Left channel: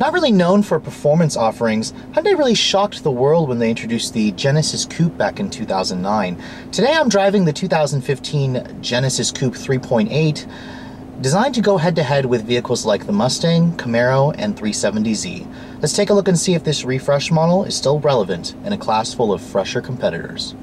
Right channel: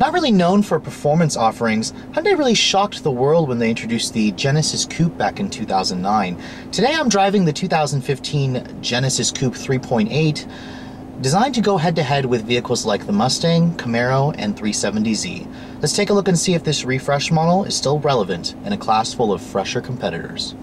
Not really known for performance offerings, Hyundai really shocked the world when they introduced the Genesis Coupe back in 2009. Today I'm driving the 2015 Genesis Coupe 3.8, designed to go head-to-head with vehicles like the Mustang, Camaro, and 370Z. Let's take a look and see if this refresh model is still relevant in a class full of fresher competitors.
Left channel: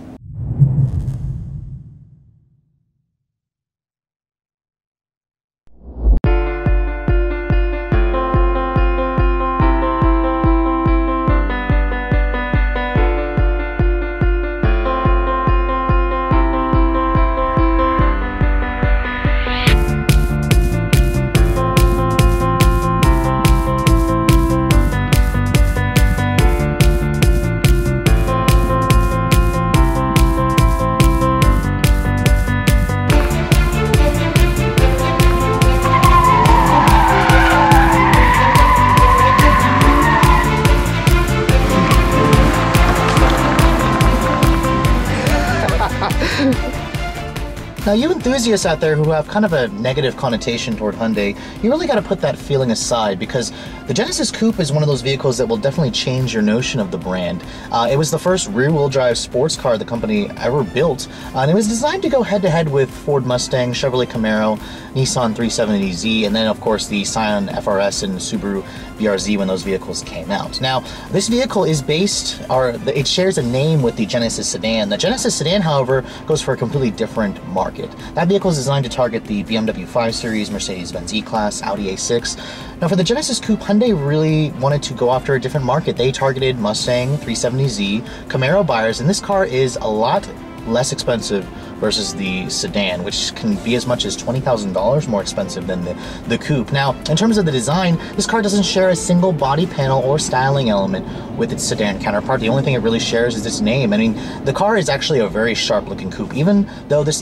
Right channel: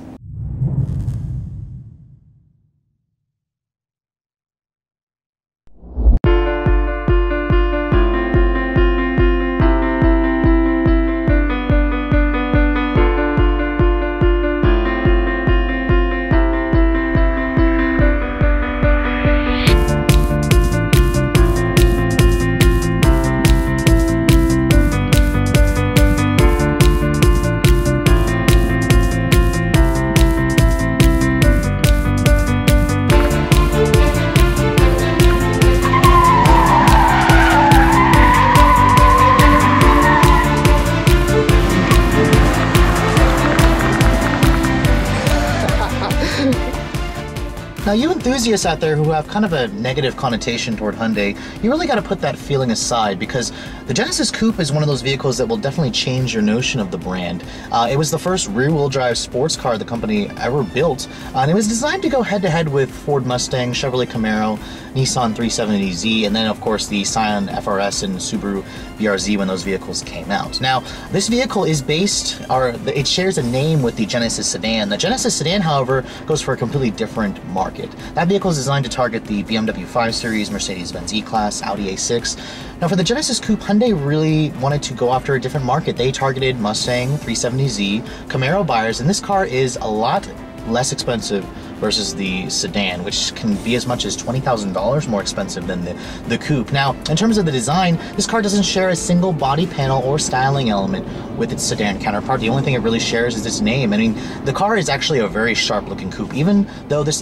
Now, you enthusiasts out there who have kind of a negative connotation toward Hyundai, you really got to put that feeling aside, because the Genesis Coupe is one of those vehicles that will definitely change your notion of the brand. It was the first rear-wheel drive sports car the company ever built, and it was designed to go head-to-head with Ford Mustang, Chevrolet Camaro, Nissan 370Z, and then of course the Scion FRS and Subaru BRZ when those vehicles came out. Now, this vehicle is based, or it shares a name with the Genesis sedan. The Genesis sedan, however, goes for a completely different market. That vehicle is designed to target the BMW 5 Series, Mercedes-Benz E-Class, Audi A6. Now, for the Genesis Coupe, Hyundai really wanted to go after a different market. They targeted Mustang, 370Z, Camaro buyers, and this car is a lot less expensive versus the sedan, which can be as much as $20,000 more expensive than the Coupe. Now, in terms of the design, this car doesn't share a single body panel or styling element with its sedan counterpart. The only thing it really shares is its name. I mean, the car is actually a very sharp-looking coupe. Even though this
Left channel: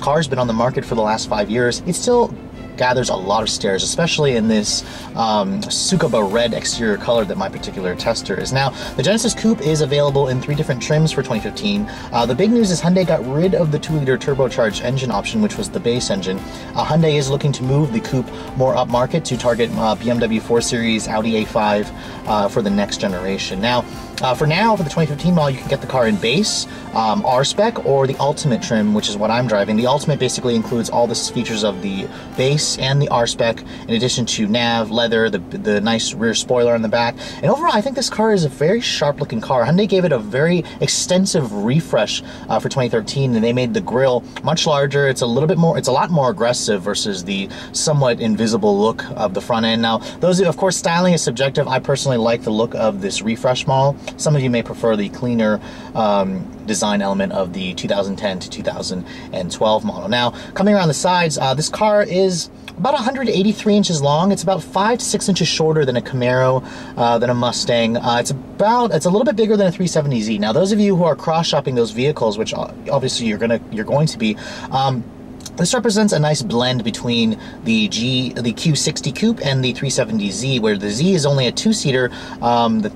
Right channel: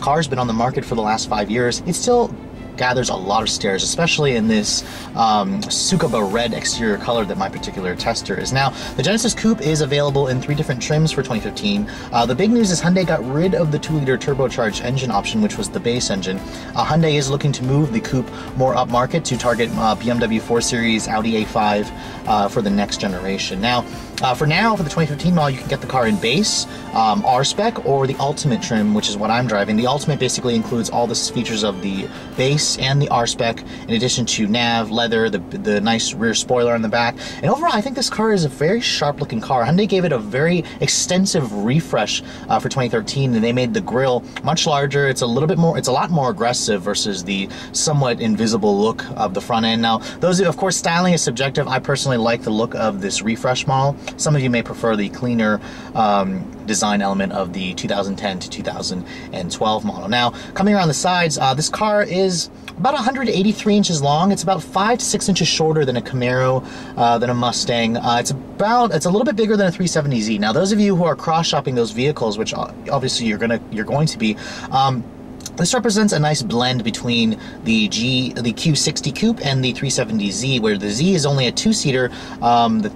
car has been on the market for the last 5 years, it still gathers a lot of stares, especially in this Tsukuba red exterior color that my particular tester is. Now, the Genesis Coupe is available in 3 different trims for 2015. The big news is Hyundai got rid of the 2-liter turbocharged engine option, which was the base engine. Hyundai is looking to move the Coupe more upmarket to target BMW 4 Series, Audi A5 for the next generation. Now, for the 2015 model, you can get the car in base, R-Spec, or the Ultimate trim, which is what I'm driving. The Ultimate basically includes all the features of the base and the R-Spec, in addition to nav, leather, the nice rear spoiler on the back. And overall, I think this car is a very sharp-looking car. Hyundai gave it a very extensive refresh for 2013, and they made the grille much larger. It's a lot more aggressive versus the somewhat invisible look of the front end. Now, of course, styling is subjective. I personally like the look of this refresh model. Some of you may prefer the cleaner design element of the 2010 to 2012 model. Now, coming around the sides, this car is about 183 inches long. It's about 5 to 6 inches shorter than a Camaro, than a Mustang. It's a little bit bigger than a 370Z. Now, those of you who are cross-shopping those vehicles, which obviously you're going to be, this represents a nice blend between the Q60 Coupe and the 370Z, where the Z is only a 2-seater. The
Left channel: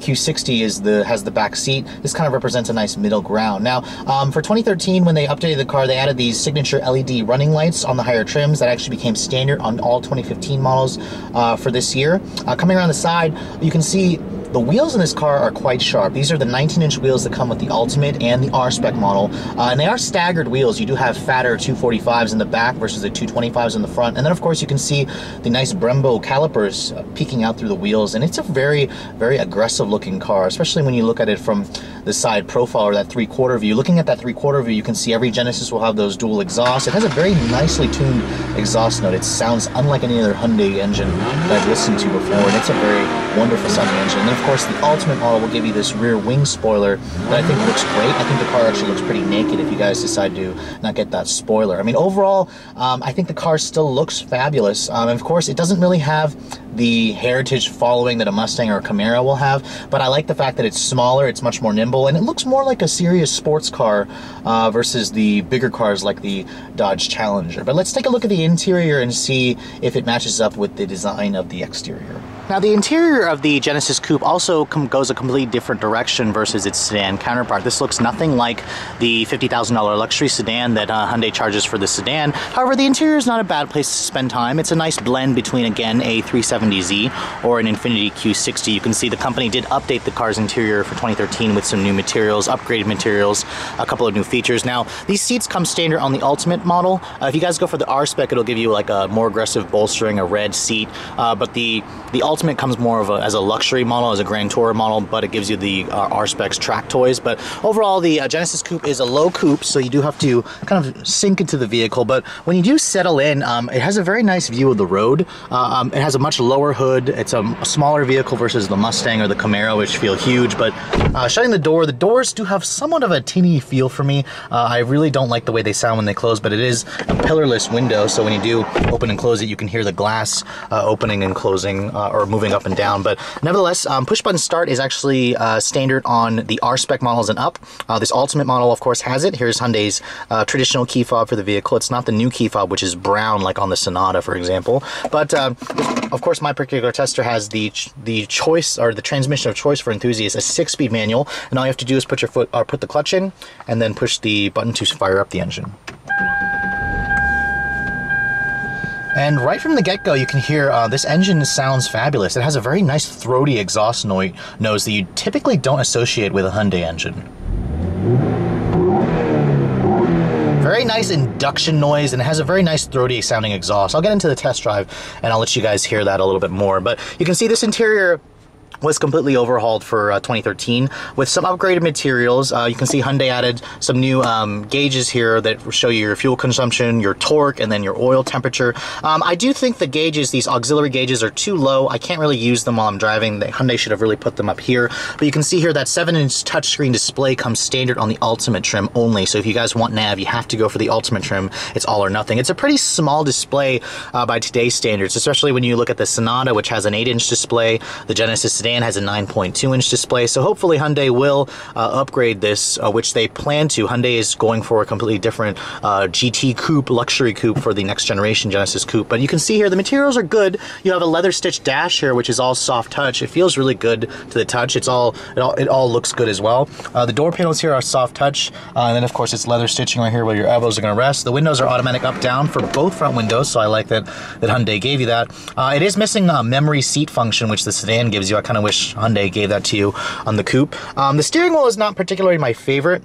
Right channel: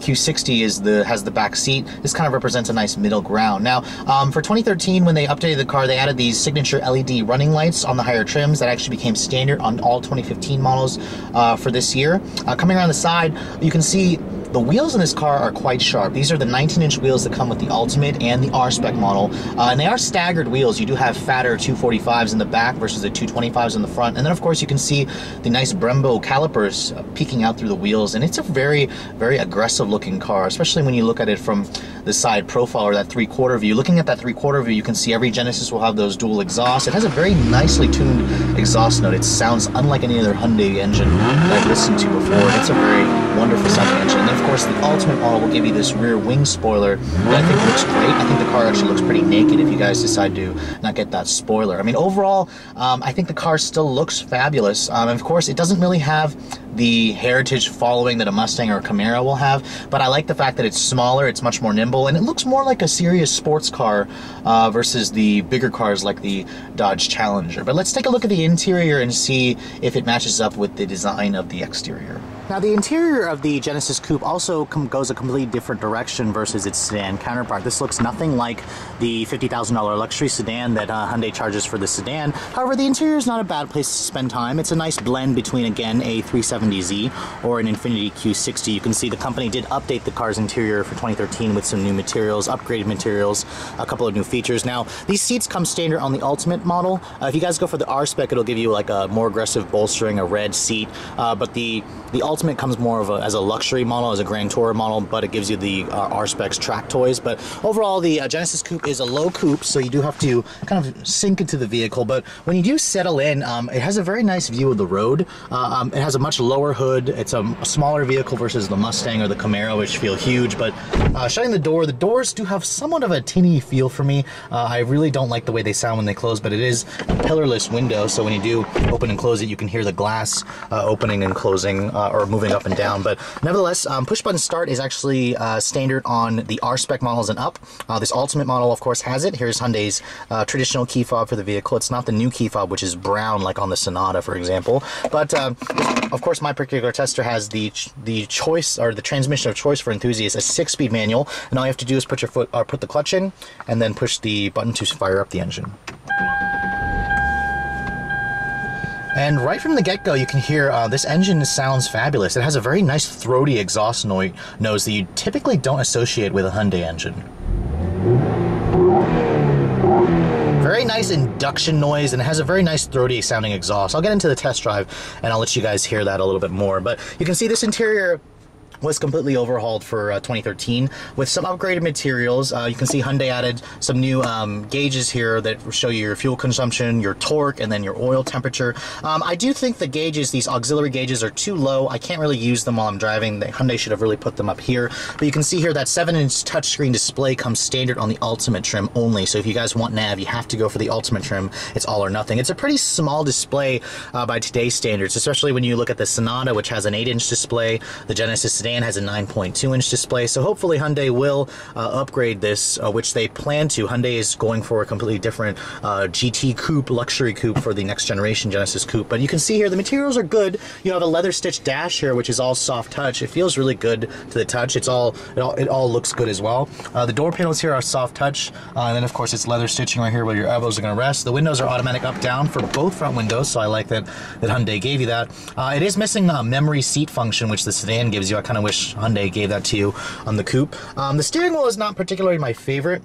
Q60 has the back seat. This kind of represents a nice middle ground. Now, for 2013, when they updated the car, they added these signature LED running lights on the higher trims that actually became standard on all 2015 models for this year. Coming around the side, you can see the wheels in this car are quite sharp. These are the 19-inch wheels that come with the Ultimate and the R-Spec model, and they are staggered wheels. You do have fatter 245s in the back versus the 225s in the front, and then of course you can see the nice Brembo calipers peeking out through the wheels, and it's a very, very aggressive looking car, especially when you look at it from the side profile or that 3/4 view. Looking at that 3/4 view, you can see every Genesis will have those dual exhausts. It has a very nicely tuned exhaust note. It sounds unlike any other Hyundai engine that I've listened to before, and it's a very wonderful sounding engine. And then of course the Ultimate model will give you this rear wing spoiler that I think looks great. I think the car actually looks pretty naked if you guys decide to not get that spoiler. I mean, overall, I think the car still looks fabulous. And of course, it doesn't really have the heritage following that a Mustang or a Camaro will have, but I like the fact that it's smaller, it's much more nimble, and it looks more like a serious sports car versus the bigger cars like the Dodge Challenger. But let's take a look at the interior and see if it matches up with the design of the exterior. Now, the interior of the Genesis Coupe also goes a completely different direction versus its sedan counterpart. This looks nothing like the $50,000 luxury sedan that Hyundai charges for the sedan. However, the interior is not a bad place to spend time. It's a nice blend between, again, a 370 370Z or an Infiniti Q60. You can see the company did update the car's interior for 2013 with some new materials, upgraded materials, a couple of new features. Now, these seats come standard on the Ultimate model. If you guys go for the R-Spec, it'll give you like a more aggressive bolstering, a red seat, but the Ultimate comes more of as a luxury model, as a Grand Tourer model, but it gives you the R-Specs track toys. But overall, the Genesis Coupe is a low coupe, so you do have to kind of sink into the vehicle. But when you do settle in, it has a very nice view of the road. It has a much lower hood. It's a smaller vehicle versus the Mustang or the Camaro, which feel huge. But shutting the doors do have somewhat of a tinny feel for me. I really don't like the way they sound when they close, but it is a pillarless window, so when you do open and close it, you can hear the glass opening and closing or moving up and down. But nevertheless, push button start is actually standard on the R-Spec models and up. This Ultimate model, of course, has it. Here's Hyundai's traditional key fob for the vehicle. It's not the new key fob, which is brown, like on the Sonata, for example. But of course, my particular tester has the choice, or the transmission of choice for enthusiasts, a 6-speed manual, and all you have to do is put your foot, or put the clutch in, and then push the button to fire up the engine. And right from the get-go, you can hear this engine sounds fabulous. It has a very nice throaty exhaust nose that you typically don't associate with a Hyundai engine. Very nice induction noise, and it has a very nice throaty sounding exhaust. I'll get into the test drive and I'll let you guys hear that a little bit more. But you can see this interior was completely overhauled for 2013 with some upgraded materials. You can see Hyundai added some new gauges here that show you your fuel consumption, your torque, and then your oil temperature. I do think the gauges, these auxiliary gauges, are too low. I can't really use them while I'm driving. Hyundai should have really put them up here. But you can see here that 7-inch touchscreen display comes standard on the Ultimate trim only. So if you guys want nav, you have to go for the Ultimate trim. It's all or nothing. It's a pretty small display by today's standards, especially when you look at the Sonata, which has an 8-inch display. The Genesis Sedan has a 9.2-inch display, so hopefully Hyundai will upgrade this, which they plan to. Hyundai is going for a completely different GT coupe, luxury coupe for the next generation Genesis Coupe. But you can see here the materials are good. You have a leather stitched dash here, which is all soft touch. It feels really good to the touch. It all looks good as well. The door panels here are soft touch, and then of course it's leather stitching right here where your elbows are going to rest. The windows are automatic up down for both front windows, so I like that Hyundai gave you that. It is missing a memory seat function, which the sedan gives you. I kind of wish Hyundai gave that to you on the coupe. The steering wheel is not particularly my favorite.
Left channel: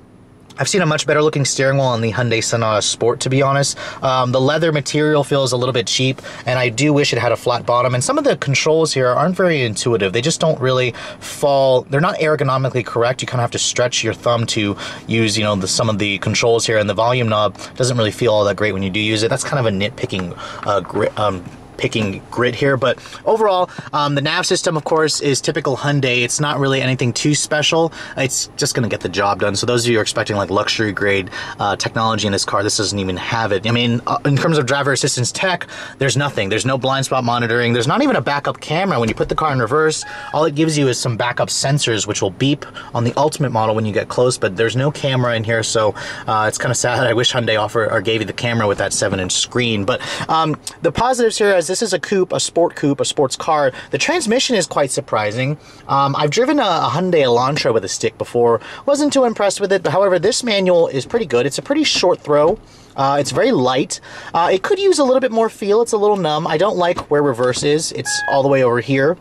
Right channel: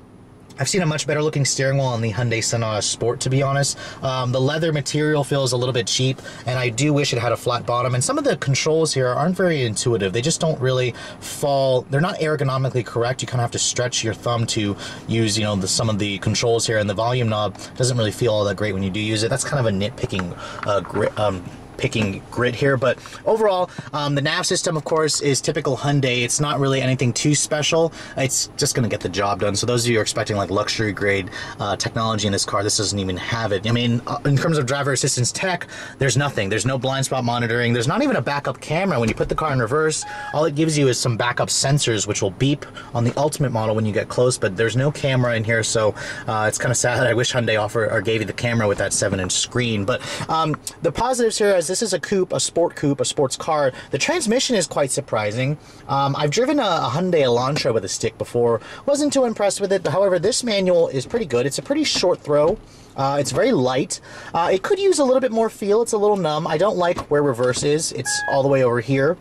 I've seen a much better looking steering wheel on the Hyundai Sonata Sport, to be honest. The leather material feels a little bit cheap, and I do wish it had a flat bottom. And some of the controls here aren't very intuitive. They just don't really fall. They're not ergonomically correct. You kind of have to stretch your thumb to use, you know, some of the controls here. And the volume knob doesn't really feel all that great when you do use it. That's kind of a nitpicking grid here, but overall, the nav system, of course, is typical Hyundai. It's not really anything too special. It's just going to get the job done. So those of you who are expecting like luxury grade technology in this car, this doesn't even have it. I mean, in terms of driver assistance tech, there's nothing. There's no blind spot monitoring. There's not even a backup camera. When you put the car in reverse, all it gives you is some backup sensors, which will beep on the Ultimate model when you get close, but there's no camera in here, so it's kind of sad. I wish Hyundai offered or gave you the camera with that 7-inch screen. But the positives here is this is a coupe, a sports car. The transmission is quite surprising. I've driven a Hyundai Elantra with a stick before. Wasn't too impressed with it, but however, this manual is pretty good. It's a pretty short throw. It's very light. It could use a little bit more feel. It's a little numb. I don't like where reverse is. It's all the way over here.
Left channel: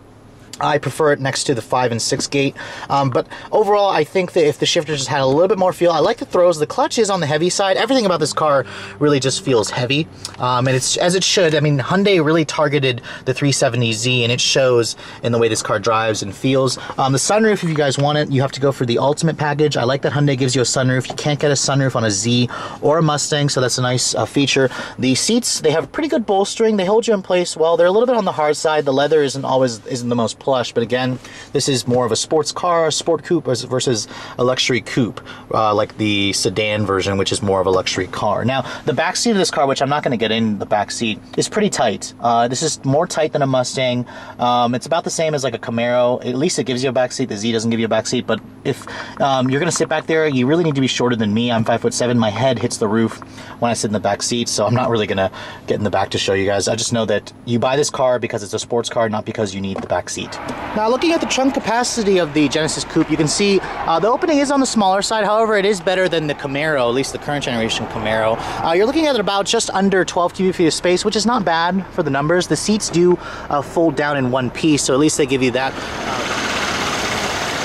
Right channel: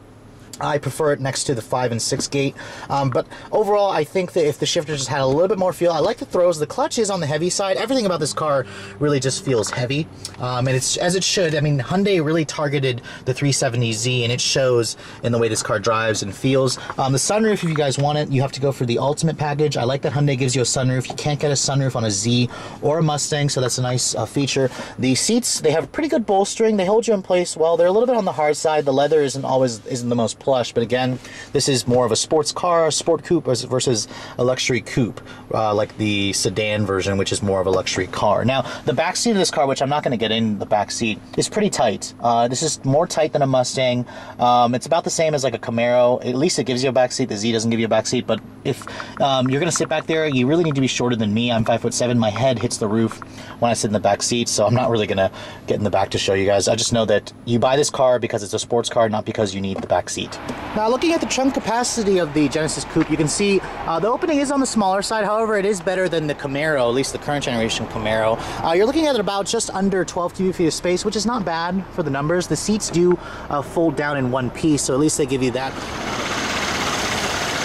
I prefer it next to the 5 and 6 gate, but overall I think that if the shifter just had a little bit more feel, I like the throws. The clutch is on the heavy side. Everything about this car really just feels heavy, and it's as it should. I mean, Hyundai really targeted the 370Z, and it shows in the way this car drives and feels. The sunroof, if you guys want it, you have to go for the Ultimate package. I like that Hyundai gives you a sunroof. You can't get a sunroof on a Z or a Mustang, so that's a nice feature. The seats, they have pretty good bolstering. They hold you in place well. They're a little bit on the hard side. The leather isn't the most plush, but again, this is more of a sports car, a sport coupe versus a luxury coupe, like the sedan version, which is more of a luxury car. Now, the back seat of this car, which I'm not going to get in the back seat, is pretty tight. This is more tight than a Mustang. It's about the same as like a Camaro. At least it gives you a back seat. The Z doesn't give you a back seat, but if you're going to sit back there, you really need to be shorter than me. I'm 5'7". My head hits the roof when I sit in the back seat, so I'm not really going to get in the back to show you guys. I just know that you buy this car because it's a sports car, not because you need the back seat. Now looking at the trunk capacity of the Genesis Coupe, you can see the opening is on the smaller side. However, it is better than the Camaro, at least the current generation Camaro. You're looking at about just under 12 cubic feet of space, which is not bad for the numbers. The seats do fold down in one piece, so at least they give you that.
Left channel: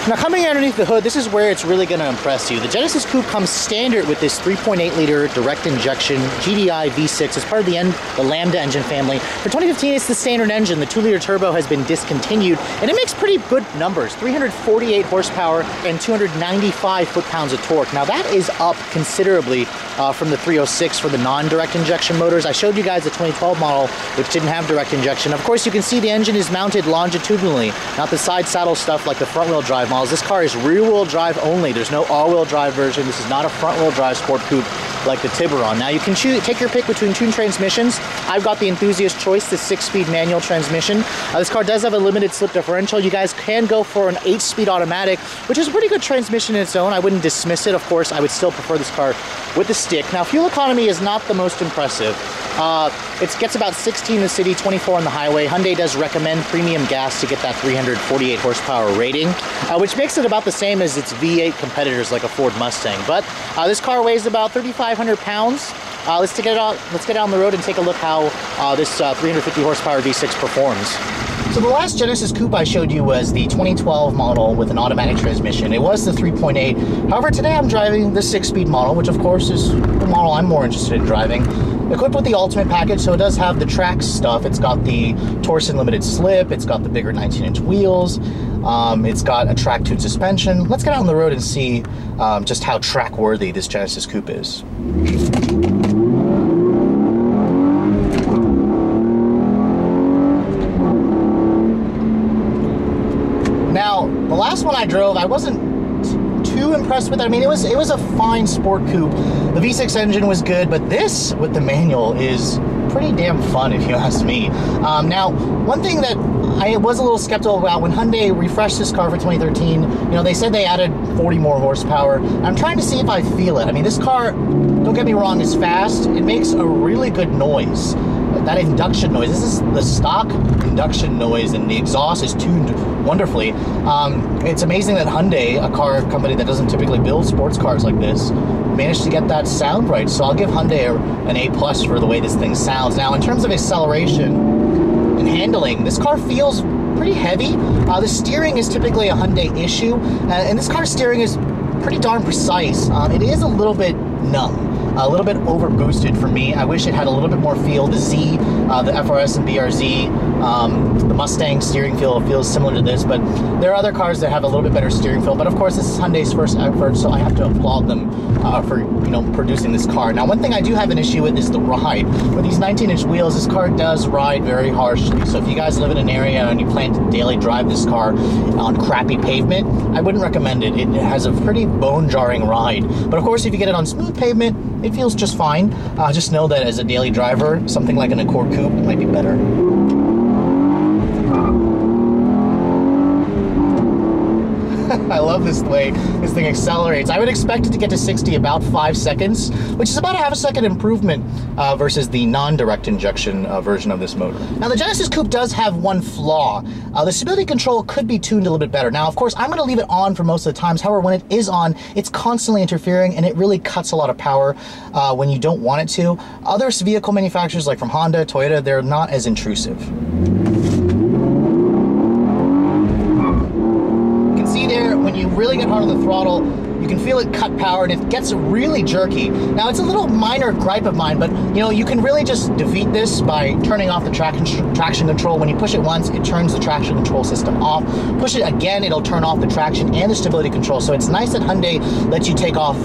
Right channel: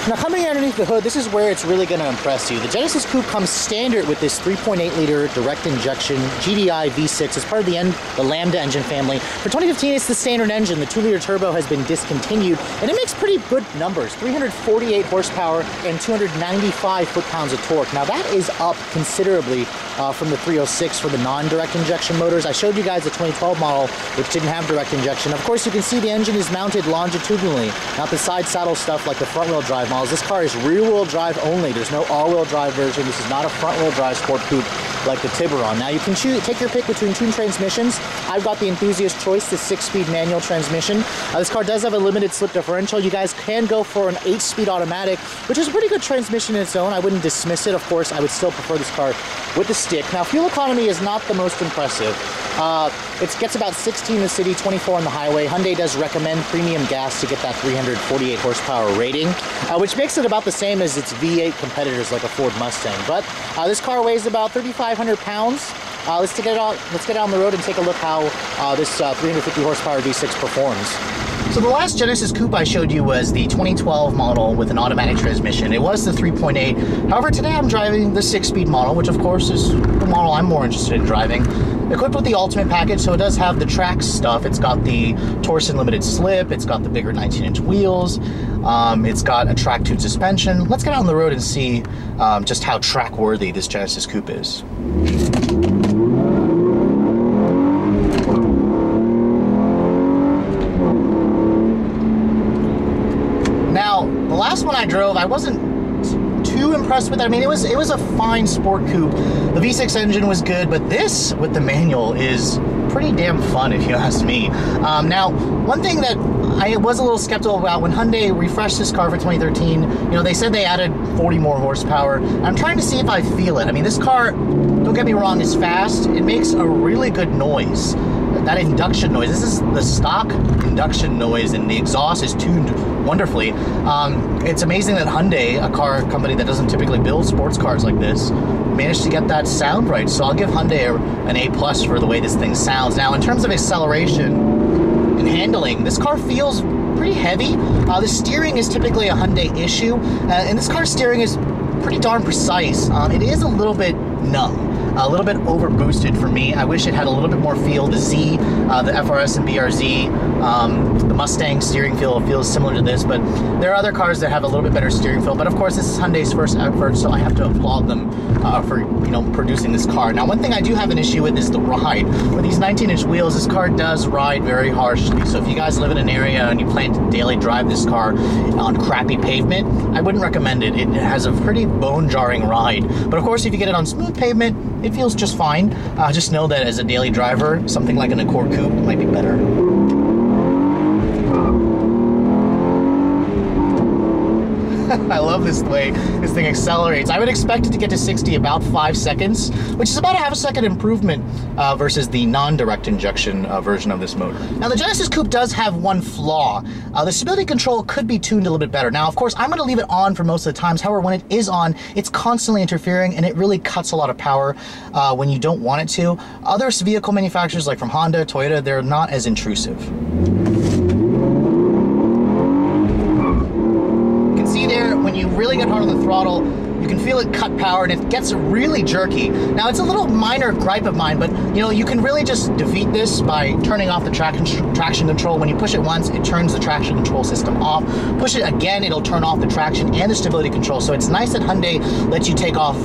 Now coming underneath the hood, this is where it's really going to impress you. The Genesis Coupe comes standard with this 3.8 liter direct injection GDI V6 as part of the Lambda engine family. For 2015, it's the standard engine. The 2-liter turbo has been discontinued, and it makes pretty good numbers, 348 horsepower and 295 foot-pounds of torque. Now that is up considerably from the 306 for the non-direct injection motors. I showed you guys the 2012 model, which didn't have direct injection. Of course, you can see the engine is mounted longitudinally, not the side saddle stuff like the front-wheel drive models. This car is rear-wheel drive only. There's no all-wheel drive version. This is not a front-wheel drive sport coupe like the Tiburon. Now you can take your pick between two transmissions. I've got the enthusiast choice, the 6-speed manual transmission. This car does have a limited slip differential. You guys can go for an 8-speed automatic, which is a pretty good transmission in its own. I wouldn't dismiss it. Of course, I would still prefer this car with the stick. Now, fuel economy is not the most impressive. It gets about 16 in the city, 24 on the highway. Hyundai does recommend premium gas to get that 348 horsepower rating, which makes it about the same as its V8 competitors like a Ford Mustang. But this car weighs about 3,500 pounds. Let's get it out on the road and take a look how this 350 horsepower V6 performs. So the last Genesis Coupe I showed you was the 2012 model with an automatic transmission. It was the 3.8. However, today I'm driving the 6-speed model, which of course is the model I'm more interested in driving. Equipped with the Ultimate package, so it does have the track stuff. It's got the Torsen limited slip, it's got the bigger 19-inch wheels, it's got a track-tuned suspension. Let's get out on the road and see just how track-worthy this Genesis Coupe is. Now, the last one I drove, I wasn't too impressed with it. I mean, it was a fine sport coupe. The V6 engine was good, but this with the manual is pretty damn fun if you ask me. Now, one thing that I was a little skeptical about when Hyundai refreshed this car for 2013, you know, they said they added 40 more horsepower. I'm trying to see if I feel it. I mean, this car, don't get me wrong, is fast. It makes a really good noise. That induction noise, this is the stock induction noise, and the exhaust is tuned wonderfully. It's amazing that Hyundai, a car company that doesn't typically build sports cars like this, managed to get that sound right. So I'll give Hyundai an A+ for the way this thing sounds. Now, in terms of acceleration and handling, this car feels pretty heavy. The steering is typically a Hyundai issue, and this car's steering is pretty darn precise. It is a little bit numb, a little bit over boosted for me. I wish it had a little bit more feel. The Z, the FRS and BRZ, the Mustang steering feel feels similar to this, but there are other cars that have a little bit better steering feel. But of course, this is Hyundai's first effort, so I have to applaud them for, you know, producing this car. Now, one thing I do have an issue with is the ride. With these 19-inch wheels, this car does ride very harshly. So if you guys live in an area and you plan to daily drive this car on crappy pavement, I wouldn't recommend it. It has a pretty bone-jarring ride. But of course, if you get it on smooth pavement, it feels just fine. Just know that as a daily driver, something like an Accord Coupe might be better. I love this way this thing accelerates. I would expect it to get to 60 about 5 seconds, which is about a half a second improvement versus the non-direct injection version of this motor. Now, the Genesis Coupe does have one flaw. The stability control could be tuned a little bit better. Now, of course, I'm going to leave it on for most of the times. However, when it is on, it's constantly interfering, and it really cuts a lot of power when you don't want it to. Other vehicle manufacturers, like from Honda, Toyota, they're not as intrusive. See there, when you really get hard on the throttle, you can feel it cut power, and it gets really jerky. Now, it's a little minor gripe of mine, but you know, you can really just defeat this by turning off the traction control. When you push it once, it turns the traction control system off. Push it again, it'll turn off the traction and the stability control. So it's nice that Hyundai lets you take off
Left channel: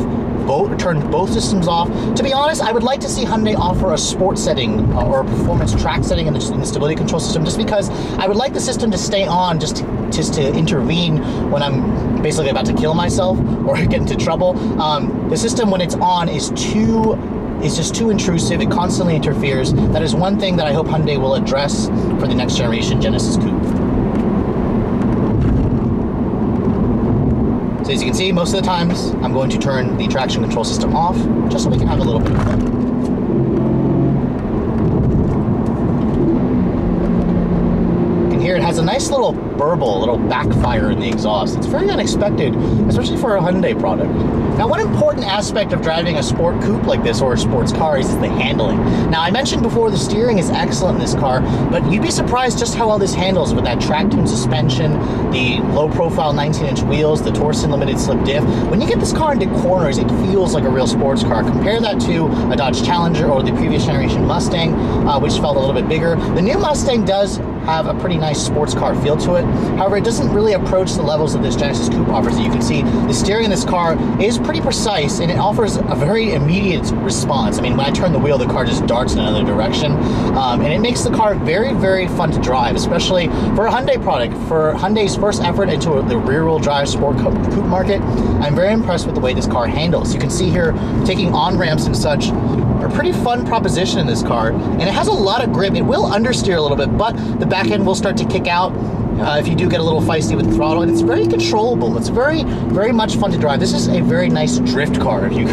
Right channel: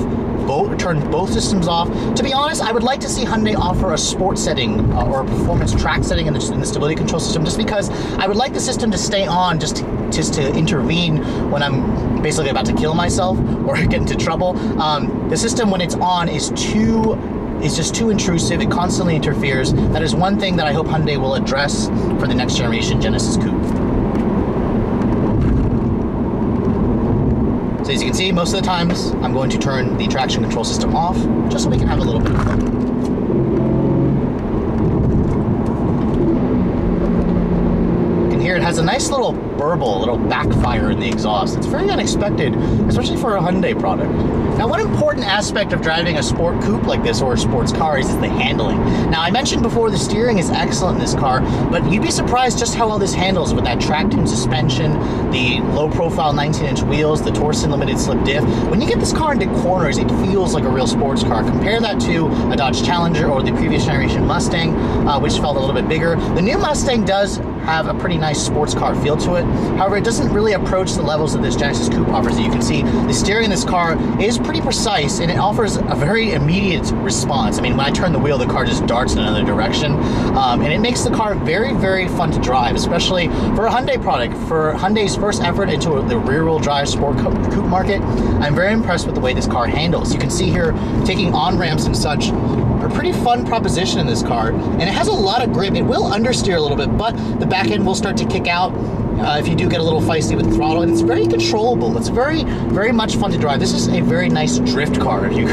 turn both systems off. To be honest, I would like to see Hyundai offer a sport setting or a performance track setting in the stability control system, just because I would like the system to stay on just to intervene when I'm basically about to kill myself or get into trouble. The system, when it's on, is just too intrusive. It constantly interferes. That is one thing that I hope Hyundai will address for the next generation Genesis Coupe. So as you can see, most of the times I'm going to turn the traction control system off just so we can have a little bit of fun. You can hear it has a nice little burble, a little backfire in the exhaust. It's very unexpected, especially for a Hyundai product. Now, one important aspect of driving a sport coupe like this, or a sports car, is the handling. Now, I mentioned before the steering is excellent in this car, but you'd be surprised just how well this handles with that track-tuned suspension, the low-profile 19-inch wheels, the Torsen limited slip diff. When you get this car into corners, it feels like a real sports car. Compare that to a Dodge Challenger or the previous generation Mustang, which felt a little bit bigger. The new Mustang does have a pretty nice sports car feel to it. However, it doesn't really approach the levels that this Genesis Coupe offers. As you can see, the steering in this car is pretty precise, and it offers a very immediate response. I mean, when I turn the wheel, the car just darts in another direction, and it makes the car very, very fun to drive, especially for a Hyundai product. For Hyundai's first effort into the rear-wheel drive sport coupe market, I'm very impressed with the way this car handles. You can see here, taking on-ramps and such, a pretty fun proposition in this car, and it has a lot of grip. It will understeer a little bit, but the back end will start to kick out if you do get a little feisty with the throttle, and it's very controllable. It's very, very much fun to drive. This is a very nice drift car, if you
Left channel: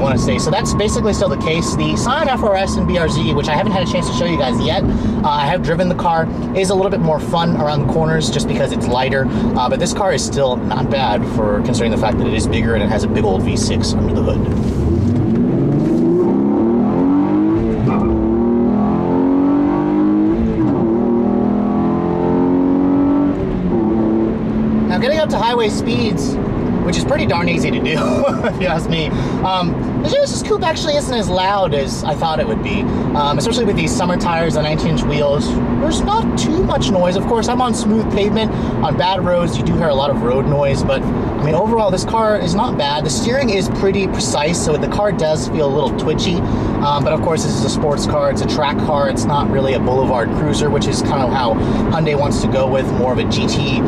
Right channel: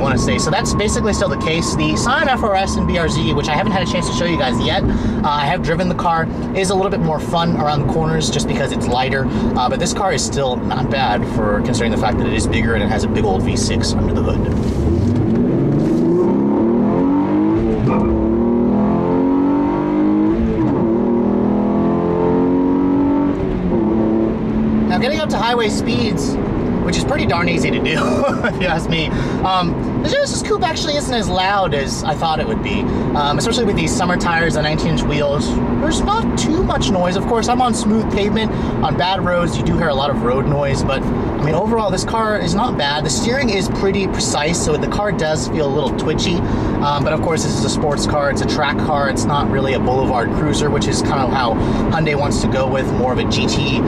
want to say. So that's basically still the case. The Scion FRS and BRZ, which I haven't had a chance to show you guys yet, I have driven the car, is a little bit more fun around the corners just because it's lighter, but this car is still not bad for considering the fact that it is bigger and it has a big old V6 under the hood. Getting up to highway speeds, which is pretty darn easy to do, if you ask me. The Genesis Coupe actually isn't as loud as I thought it would be, especially with these summer tires on 19-inch wheels. There's not too much noise. Of course, I'm on smooth pavement. On bad roads, you do hear a lot of road noise, but I mean, overall, this car is not bad. The steering is pretty precise, so the car does feel a little twitchy, but of course, this is a sports car. It's a track car. It's not really a boulevard cruiser, which is kind of how Hyundai wants to go with, more of a GT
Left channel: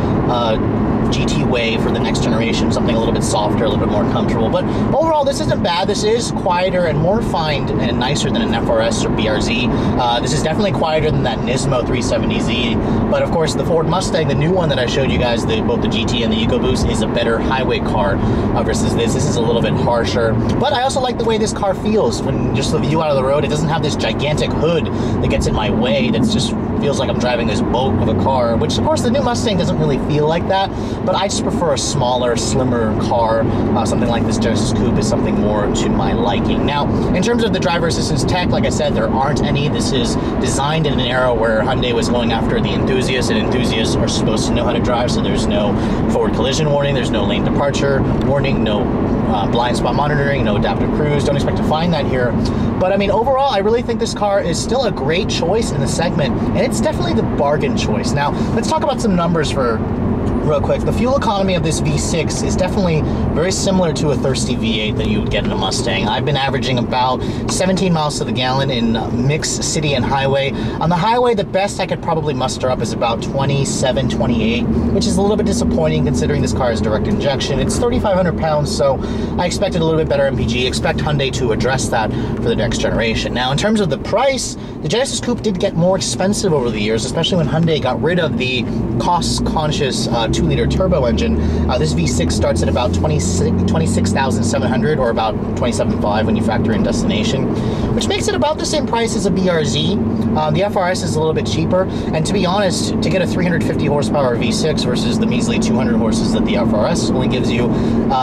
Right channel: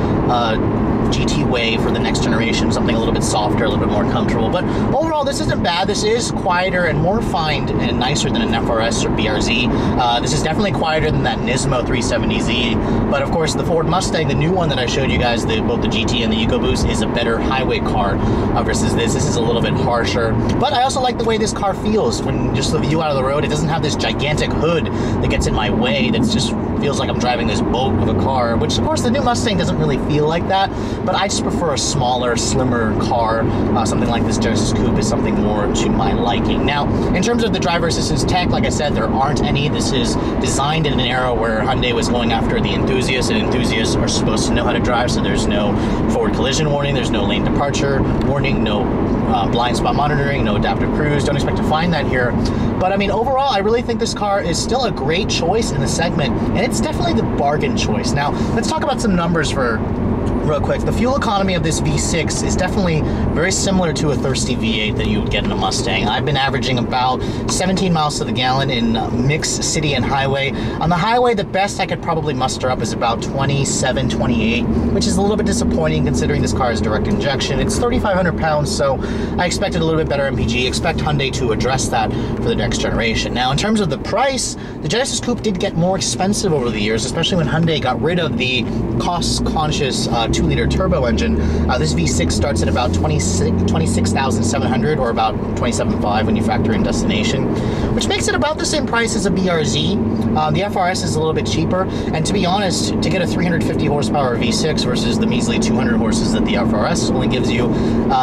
way for the next generation, something a little bit softer, a little bit more comfortable. But overall, this isn't bad. This is quieter and more refined and nicer than an FRS or BRZ. This is definitely quieter than that Nismo 370Z. But of course, the Ford Mustang, the new one that I showed you guys, both the GT and the EcoBoost, is a better highway car versus this. This is a little bit harsher. But I also like the way this car feels when just the view out of the road. It doesn't have this gigantic hood that gets in my way. That's just feels like I'm driving this boat of a car, which of course the new Mustang doesn't really feel like that, but I just prefer a smaller, slimmer car. Something like this Genesis Coupe is something more to my liking. Now, in terms of the driver assistance tech, like I said, there aren't any. This is designed in an era where Hyundai was going after the enthusiasts, and enthusiasts are supposed to know how to drive, so there's no forward collision warning, there's no lane departure warning, no blind spot monitoring, no adaptive cruise. Don't expect to find that here. But I mean, overall, I really think this car is still a great choice in the segment, and it's definitely the bargain choice. Now, let's talk about some numbers real quick. The fuel economy of this V6 is definitely very similar to a thirsty V8 that you would get in a Mustang. I've been averaging about 17 miles to the gallon in mixed city and highway. On the highway, the best I could probably muster up is about 27, 28, which is a little bit disappointing considering this car is direct injection. It's 3,500 pounds, so I expected a little bit better MPG. Expect Hyundai to address that for the next generation. Now, in terms of the price, the Genesis Coupe did get more expensive over the years, especially when Hyundai got rid of the cost-conscious 2-liter turbo engine. This V6 starts at about $26,700 or about $27,500 when you factor in destination, which makes it about the same price as a BRZ. The FRS is a little bit cheaper, and to be honest, to get a 350 horsepower V6 versus the measly 200 horses that the FRS only gives you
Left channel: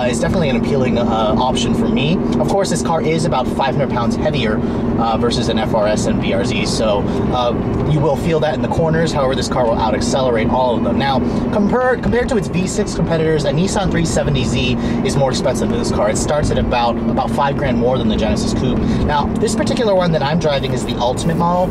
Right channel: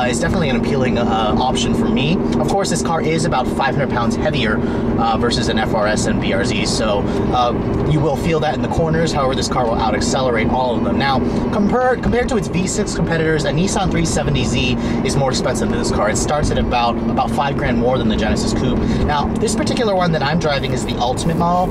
is definitely an appealing option for me. Of course, this car is about 500 pounds heavier versus an FRS and BRZ, so you will feel that in the corners. However, this car will out-accelerate all of them. Now, compared to its V6 competitors, a Nissan 370Z is more expensive than this car. It starts at about $5,000 more than the Genesis Coupe. Now, this particular one that I'm driving is the Ultimate model.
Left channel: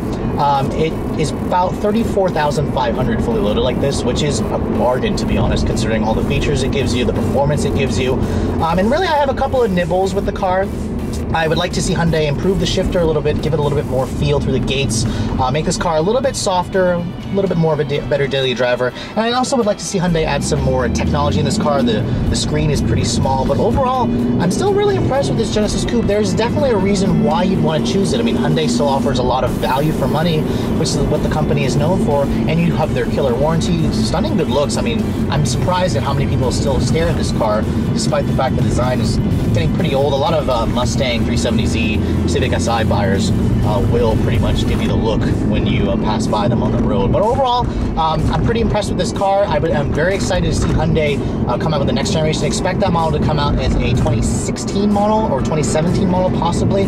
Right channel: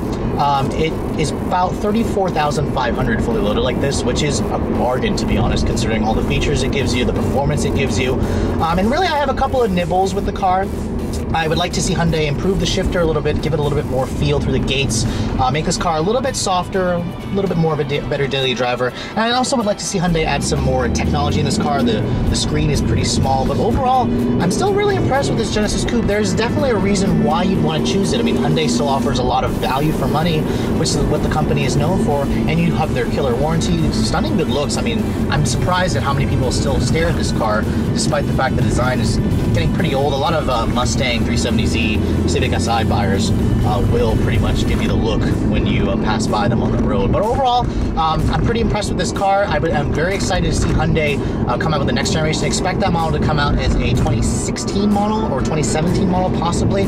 It is about $34,500 fully loaded like this, which is a bargain, to be honest, considering all the features it gives you, the performance it gives you. And really, I have a couple of nibbles with the car. I would like to see Hyundai improve the shifter a little bit, give it a little bit more feel through the gates, make this car a little bit softer, a little bit more of a better daily driver. And I also would like to see Hyundai add some more technology in this car. The screen is pretty small, but overall, I'm still really impressed with this Genesis Coupe. There's definitely a reason why you'd want to choose it. I mean, Hyundai still offers a lot of value for money, which is what the company is known for, and you have their killer warranty, stunning good looks. I mean, I'm surprised at how many people still stare at this car, despite the fact the design is getting pretty old. A lot of Mustang 370Z, Civic Si buyers will pretty much give you the look when you pass by them on the road. But overall, I'm pretty impressed with this car. I'm very excited to see Hyundai come out with the next generation. Expect that model to come out as a 2016 model or 2017 model possibly.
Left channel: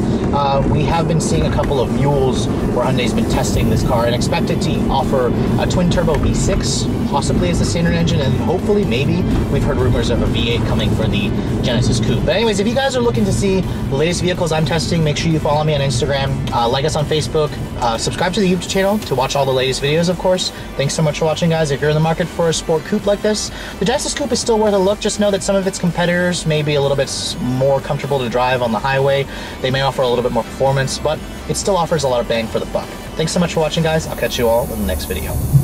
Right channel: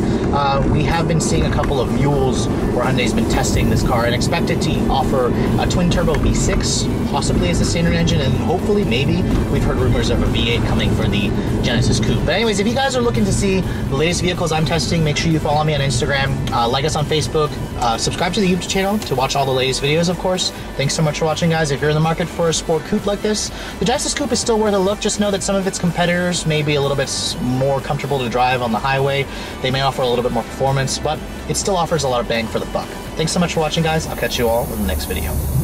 We have been seeing a couple of mules where Hyundai's been testing this car, and expect it to offer a twin turbo V6 possibly as the standard engine, and hopefully maybe we've heard rumors of a V8 coming for the Genesis Coupe. But anyways, if you guys are looking to see the latest vehicles I'm testing, make sure you follow me on Instagram, like us on Facebook, subscribe to the YouTube channel to watch all the latest videos, of course. Thanks so much for watching, guys. If you're in the market for a sport coupe like this, the Genesis Coupe is still worth a look. Just know that some of its competitors may be a little bit more comfortable to drive on the highway. They may offer a little bit more performance, but it still offers a lot of bang for the buck. Thanks so much for watching, guys. I'll catch you all in the next video.